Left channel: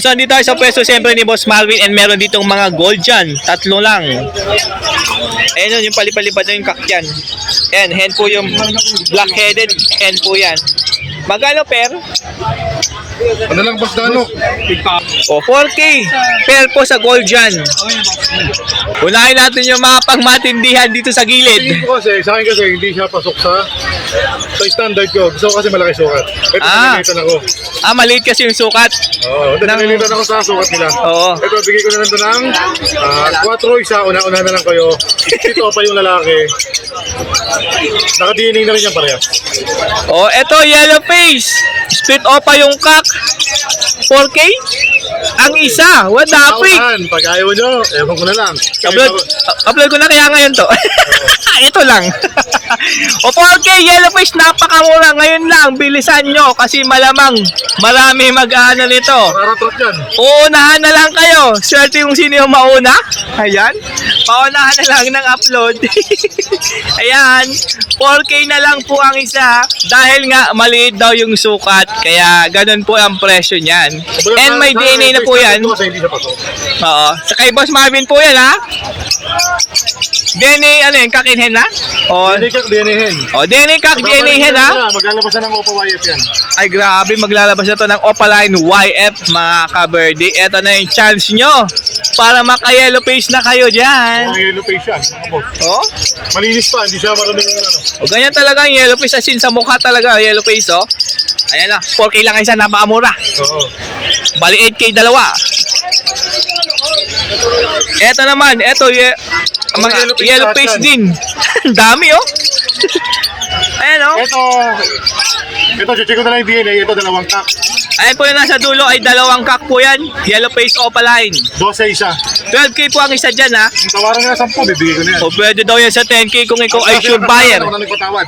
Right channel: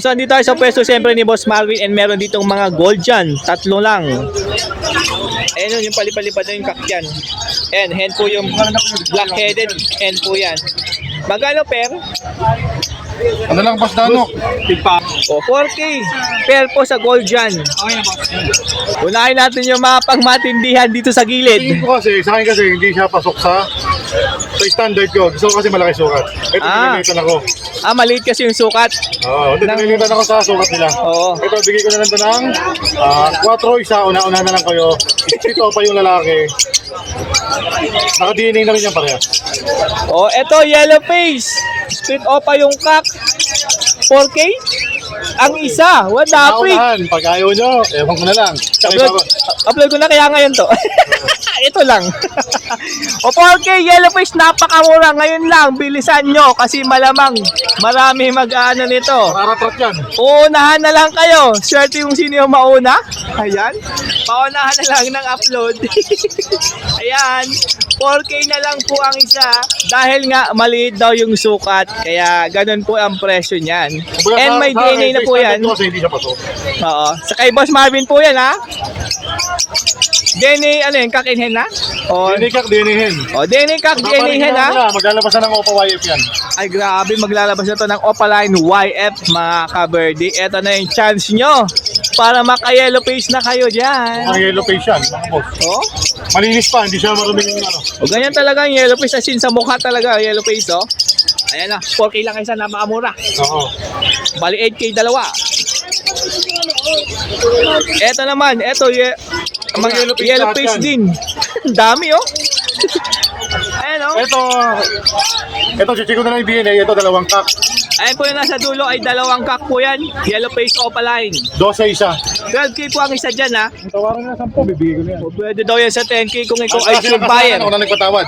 So, andito tayo sa pwesto siyempre ni Boss Marvin and meron ditong mga gold dyan. Tatlo lang. Ayun yun, yung palipalipad na yung kakyan. And hen po yung black-headed. Hen po yan. Magkano per? Ano lang, Boss Danok? O, 4K. Per po sa gold dyan. Unahin natin yung mga pangmatindihan dito sa gilid. Tingin ko kasi, sa akin kasi, hindi siya pasok sa standard ko. Gusto ko kasi malaki sukat. Ito, nililitan ako. Maliit kasi yung sukat. Oo, nililitan ako sa sukat nila. Oo. Ito, bigay ko na lang ito ng 4 isa. Una-una na lang kayo. Ito pa yung lalaki. Naka-DNA na rin yan pareha. O, eto, yellow face. Split opa yung kak. 4K? Ang isa. What the freak? Naunahan, pag ayaw nyo, ewan ko na lang. Upload ko na kaya ngayon to. Ito lang. O 4K, yellow face, napakamura. Ngayon lang, bilisan nyo kasi malamang marami mag-ano nito. Maratrot yan. Uunahan na lang kayo. Swerte yung sino yung mauna. Ayan. Paunahan na lang ng upload. Ayan. 4K na lang po ang isa. Dahil nga maliit daw yung sukat. Kaya ganun po ang presyo niyan. And may DNA na po yan. Kasi hindi siya pasok. Oo. Sa kay Boss Marvin po yan ha. DNA ano yun? Kakinhen na? O, DNA kak, DNA hen. o DNA kak, DNA hen ha. Maglalabas na ng OPA YF yan. Ay grabe, maglalabas na to ng Opaline YF mga kabirdy. Ito na yung chance nyo para maka-yellow face na kayo dyan. Mga yellow face yan, mga boss. Oh? Malinis pa, hindi siya maruming ano. O ganyan talaga yung yellow face, as in sa mukha talaga yellow face oh. Ayan na, 4K lang isa, napakamura. Oo. Bali 8K dalawa. Eto naman, eto mga yellow face din. Dami oh. Ayan oh. Ito, check ko na lang yung DNA. Ito, dalawang kak. Ayan po yung nasa dulo ay dalawang kak po yan. Yellow face opaline. 12 isa. 12K po ang isa dyan ha. Ang tawaran nga 10, bibigay ko na yan. O pwede daw yan sa 10K kung ikaw ay sure buyer. Ako na nagpatawad.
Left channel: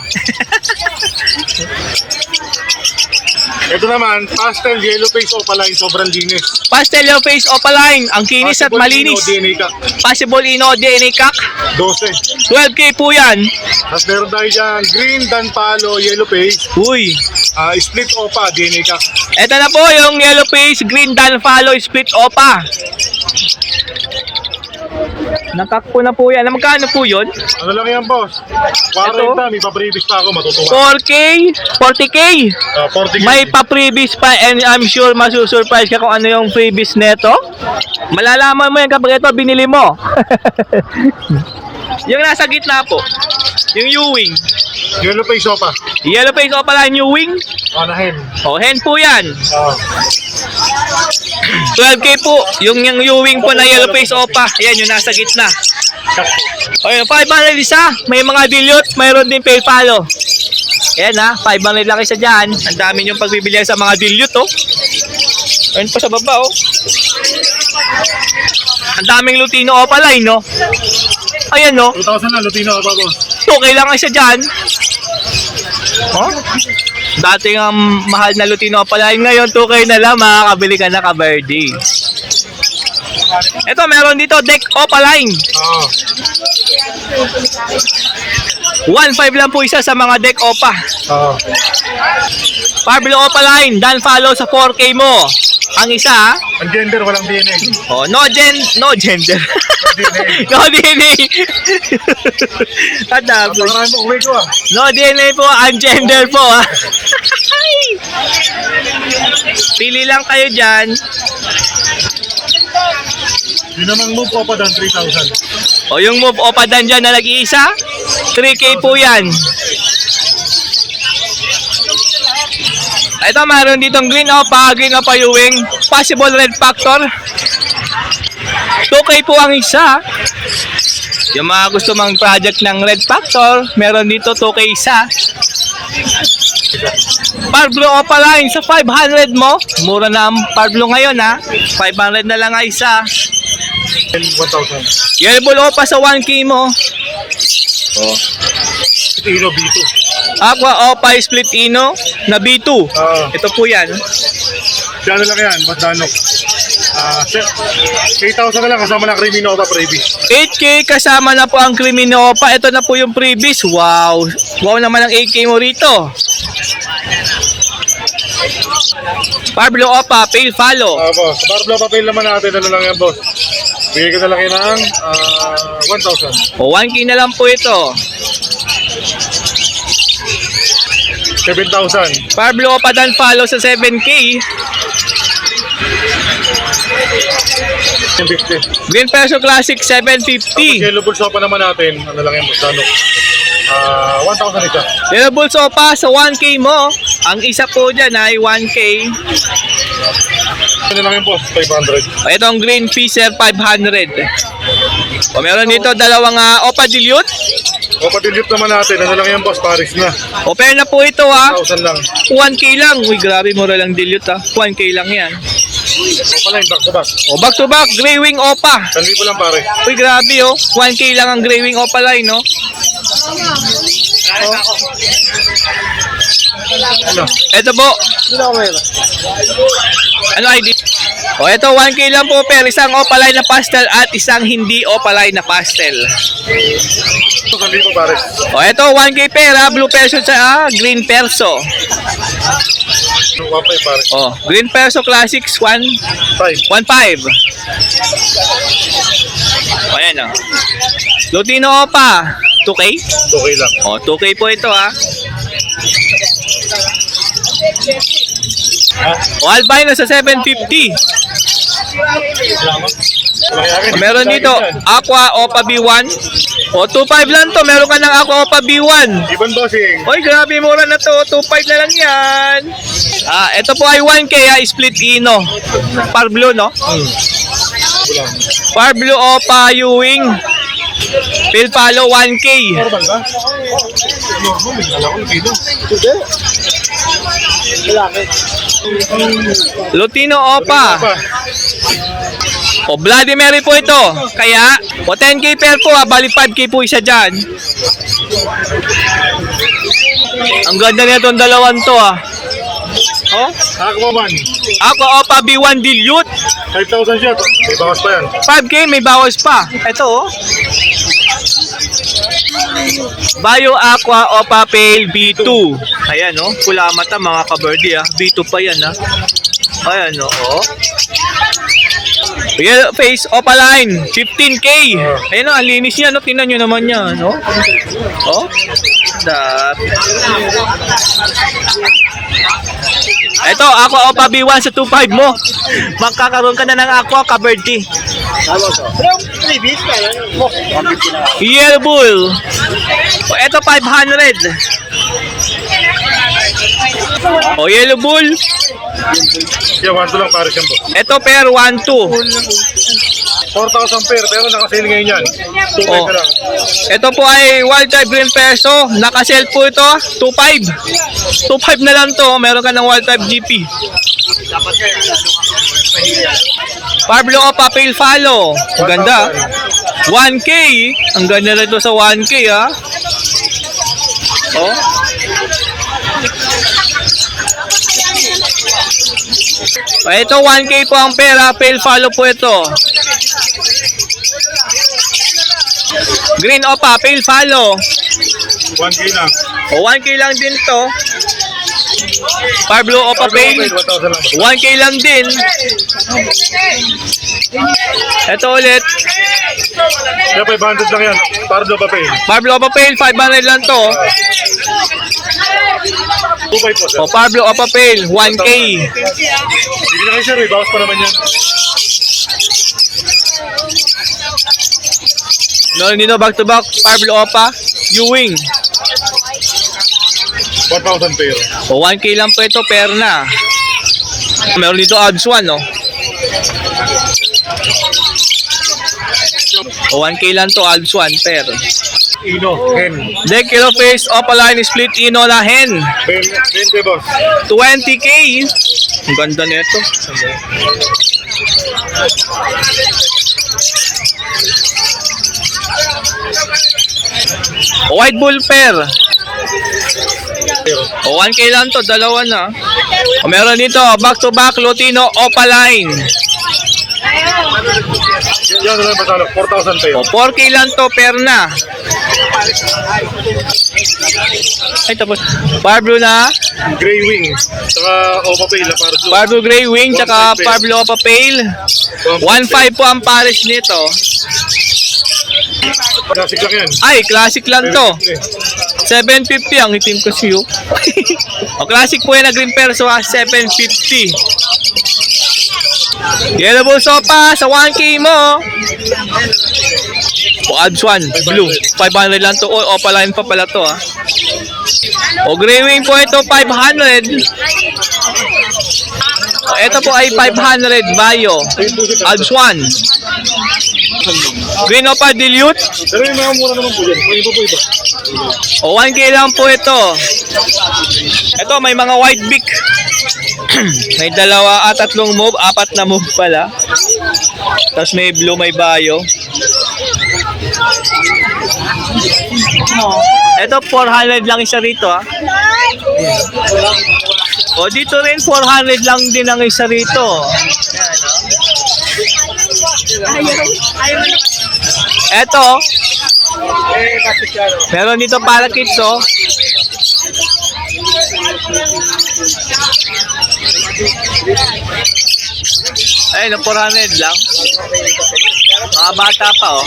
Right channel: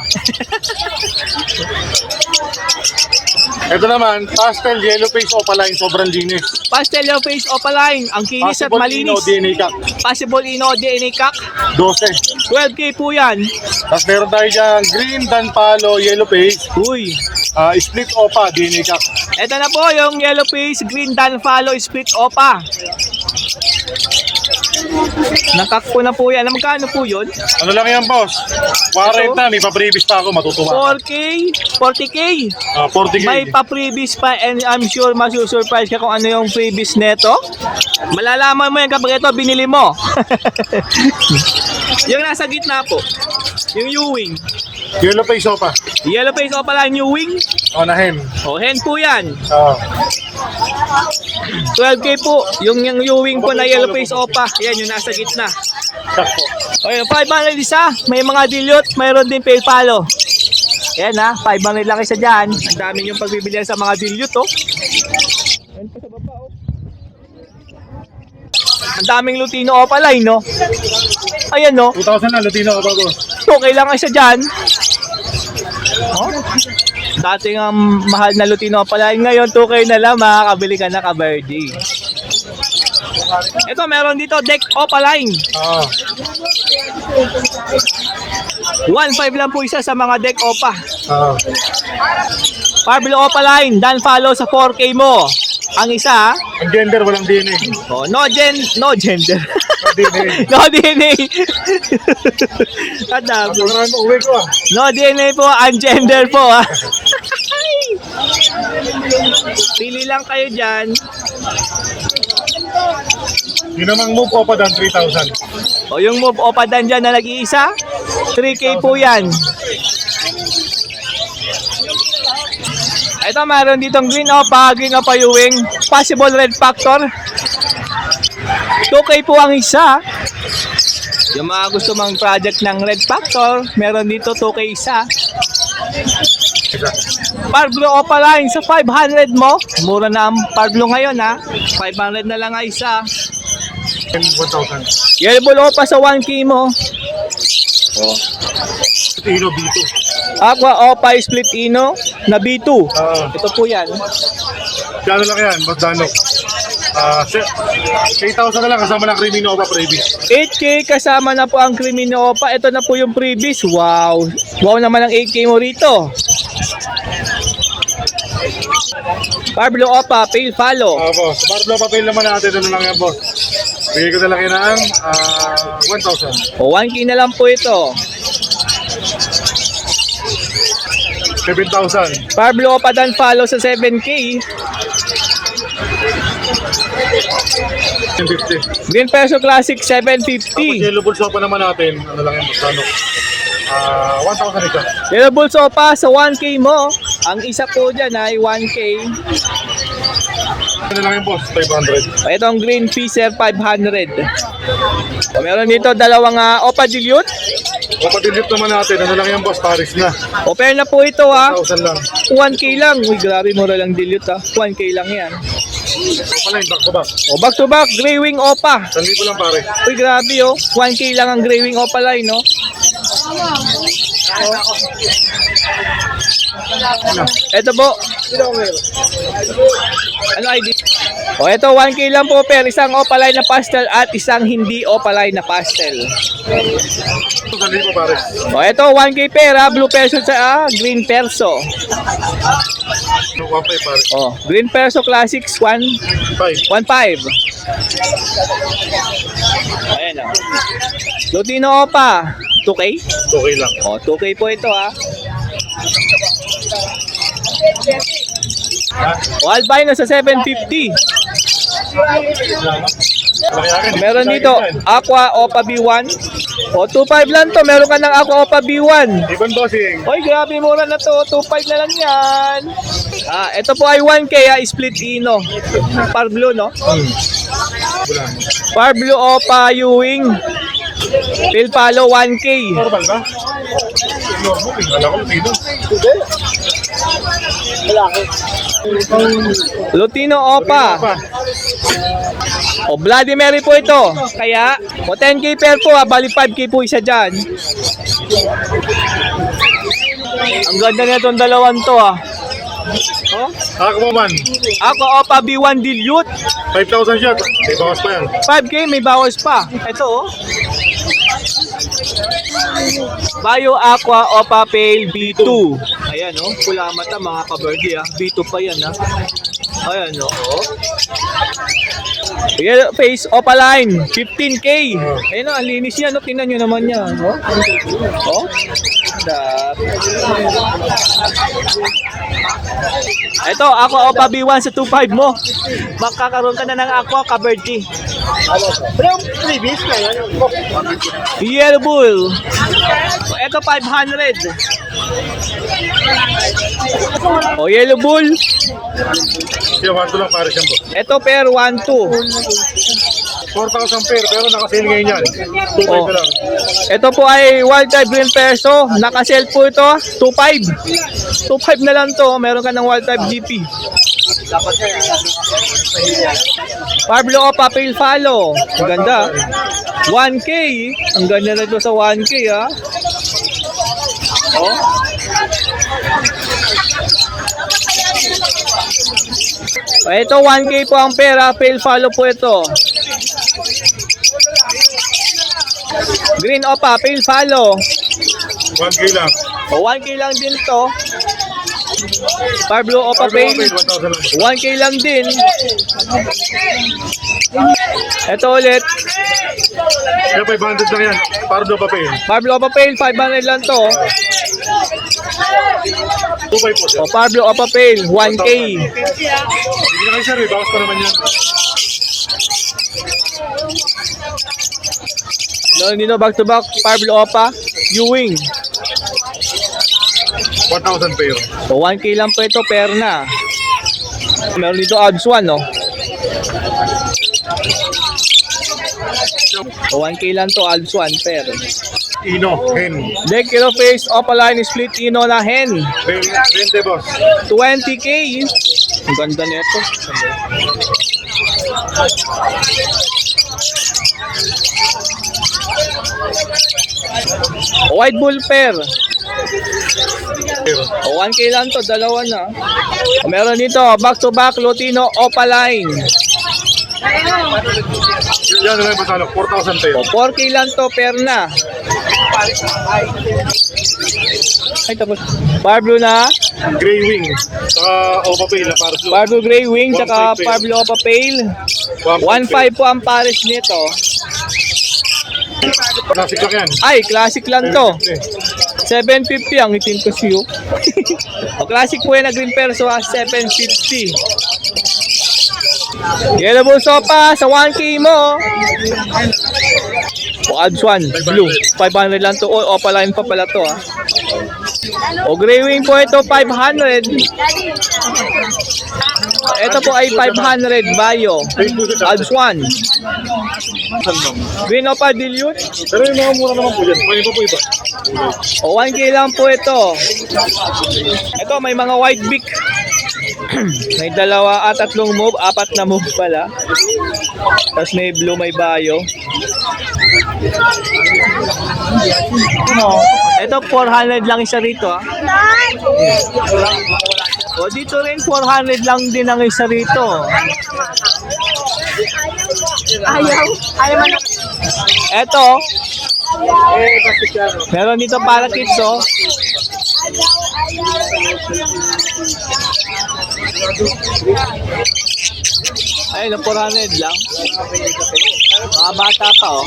Ito naman, pastel yellow face opaline, sobrang linis. Pastel yellow face opaline. Ang kinis at malinis. DNA kak. Possible ino DNA kak. 12. 12K po yan. Tapos meron tayo dyan, green dan palo, yellow face, Uy. split opa, DNA kak. Ito na po yung yellow face, green dan follow, split opa. Nakakpo na po yan. Magkano po yun? Ano lang yan, boss? 40, may pa-previous pa ako, matutuwa. 4K? 40K? 40K. May pa-previous pa and I'm sure masusurprise ka kung ano yung previous neto. Malalaman mo yan kapag ito binili mo. Yung nasa gitna po. Yung Ewing. Yellow face opa. Yellow face o pala yung Ewing. Na hen. O, hen po yan. 12K 12K po. Yung Ewing po na yellow face opa. Ayan, yung nasa gitna. O, yung 500 isa. May mga dilute. Mayroon din pay palo. Ayan ha, 500 lang isa dyan. Ang dami yung pagbibilihan sa mga dilute oh. Ayun pa sa baba oh. Ang daming Lutino opaline no. Ayan no. 2,000 na, Lutino opa, boss. Okay lang isa dyan. Oh? Dating ang mahal na Lutino opaline. Ngayon 2K na lang, makakabili ka na ka-birthday. Ito, meron dito deck opaline. 1.5 lang po isa sa mga deck opa. Parblo opaline, dan follow sa 4K mo. Ang isa ha? Ang gender, walang DNA. Oh, no gender. DNA. No DNA. Tadab. Pagkarami mo, uwi ko No DNA po, ang gender po ha. Pili lang kayo dyan. Yun namang move opa dan 3,000. O yung move opa dan dyan na nag-iisa, 3K po yan. Ito, meron ditong green opa Ewing. Possible red factor. 2K po ang isa. Yung mga gusto mang project ng red factor, meron dito 2K isa. Parblo opaline sa 500 mo. Mura na ang Parblo ngayon ha. 500 na lang ang isa. 1,000. Yellow opa sa 1K mo. Oh. Ino B2. Aqua opa split ino na B2. Ito po yan. Ano lang yan, Boss Danok. 8,000 na lang kasama ng Crimino Opa previous. 8K kasama na po ang Crimino Opa. Ito na po yung previous. Wow. Wow naman ang 8K mo rito. Parblo Opa, Pale Follow. Boss. Sa Barblo papel naman natin, ano lang yan, boss. Bigay ko na lang yan ng 1,000. O 1K na lang po ito. 7,000. Parblo Opa Dan Follow sa 7K. 1050. Green Perso Classic Tapos 750. yellow bulls pa naman natin, ano lang yan, boss, ano. 1,000 isa. Yellow Bulls Opa sa 1K mo. Ang isa po dyan ay 1K. Ano lang yan, boss, 500. O itong Green Fisher 500. O meron dito dalawang Opa Dilute. O patilip naman natin, ano lang yan, boss, Paris na. O pair na po ito 1,000 lang. 1K lang. Uy, grabe, mura lang dilute 1K lang yan. O pala yung back to back. O back to back, Grey Wing Opa. 1,000 lang, pare. Uy, grabe 1K lang ang Grey Wing Opa line, no? Ano? Ito po. Ano ID? O ito 1K lang po per isang opaline na pastel at isang hindi opaline na pastel. Ito, 1,000, pare. O ito 1K pera, blue perso sa green perso. 1,500, pare. O, green perso classics 1.5. 5. O ayan o. Lutino Opa, 2K? Okay lang. O, 2K po ito O albino sa 750. Meron dito Aqua Opa B1. O 2.5 lang to, meron ka ng Aqua Opa B1. Ibon bossing. Oy, grabe mura na to. 2.5 na lang yan. Ito po ay 1K split ino. Parblo, no? Bulang. Parblo Opa Ewing. Pale Follow 1K. Normal ba? Normal eh. Alam ko, dito. Lutino Opa. O Bloody Mary po ito. Kaya, o 10K pair po bali 5K po isa dyan. Ang ganda na itong dalawan to Oh? Aqua man. Aqua Opa B1 Dilute. 5,000 siya. May bawas pa yan. 5K may bawas pa. Ito Bio Aqua Opa Pale B2. Ayan pula mata mga kabardi B2 pa yan Ayan Yellow face Opa line 15K. Ayan ang linis niya tingnan nyo naman yan Ito Aqua Opa B1 sa 2.5 mo. Magkakaroon ka na ng Aqua kabardi. Yellow Bull. Ito 500. Yellow Bull. Yung 1,2 lang, pare siyang boss. Ito pair 1-2. 4,000 pair, pero naka-sale ngayon yan. 2,500 lang. Ito po ay wild type green perso. Naka-sell po ito 2.5. 2.5 na lang to. Meron ka ng wild type GP. Parblo Opa Pale Follow. Ang ganda. 1K. Ang ganda na ito sa 1K Ito 1K po ang pera. Pale Follow po ito. Green Opa Pale Follow. 1K lang. 1K lang din to. Parblo Opa Pale 1,000 lang. 1K lang din. Ito ulit. Kaya 500 lang yan. Pardo pa pain. Parblo Opa Pale 500 lang to. 2,500 po, sir. Parblo Opa Pale 1K. Hindi na kayo, sir. May bawas pa naman yan. Dito back to back Parblo Opa Ewing. 1,000 pair. 1K lang po ito pair na. Meron dito odds 1 1K lang to odds 1 pair. Ino, hen. Deck Kilo Face Opaline Split Ino na hen. 20, boss. 20K. Ang ganda nito. White Bull pair. 1K lang to, dalawa na. Meron dito, back to back Lutino Opaline. Yan na lang pasalo. 4,000 pair. 4K lang to, pair na. Ay, tapos. Parblo na. Gray wing. Saka Opa Pale na para blue. Parblo Grey Wing, 1.5 tsaka pair. Parblo Opa Pale. 1.5 po ang pares nito. Classic lang yan. Ay, classic lang to. Eh, 750 ang itim kasi yun. O, classic po yan na green perso ha, 750. Yellow bull sopa sa 1K mo. O, Abs 1, blue. 500 lang to. O, opaline pa pala to ha. O, gray wing po ito, 500. O, ito po ay 500 Bayo. Abs 1. Green Opa Dilute. Pero yung mga mura naman po dyan. May iba po iba. O, 1K lang po ito. Ito, may mga white beak. May dalawa at tatlong move, apat na move pala. Tapos may blue, may bayo. Ito, 400 lang isa rito ha. O, dito rin 400 lang din ang isa rito. Ayaw man. Ito, meron dito para kids oh. Ayun, 400 lang. Mga bata pa oh.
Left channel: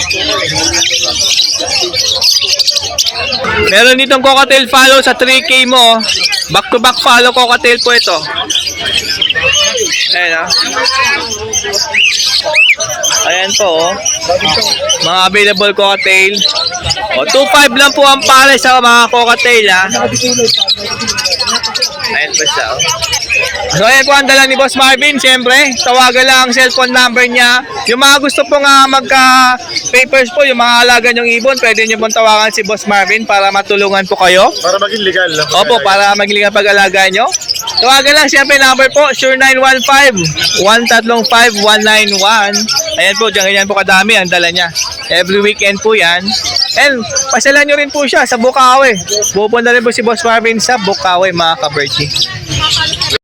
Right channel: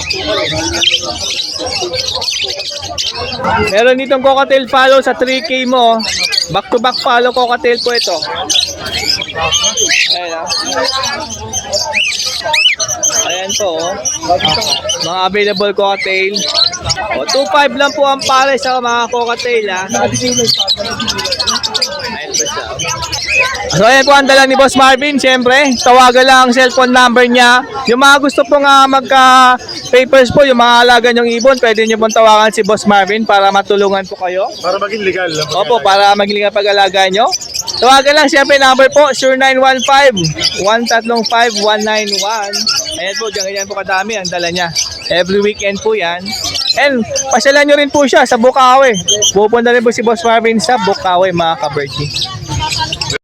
Meron ditong cocktail follow sa 3K mo. Back to back follow cocktail po ito. Ayun ah. Ayan po oh. Mga available cocktail. O, 2.5 lang po ang pare sa mga cocktail ha. Ayan po siya oh. So ayan po ang dala ni Boss Marvin. Siyempre, tawagan lang ang cellphone number niya. Yung mga gusto po nga magka-papers po, yung mga alaga nyong ibon, pwede nyo pong tawagan si Boss Marvin para matulungan po kayo. Para maging legal. Opo, para maging pag-alaga nyo. Tawagan lang siyempre number po, 0915-135-191. Ayan po, ganyan po kadami ang dala niya. Every weekend po yan. And pasyalan nyo rin po siya sa Bukawi. Pupunta rin po si Boss Marvin sa Bukawi mga ka-birdie.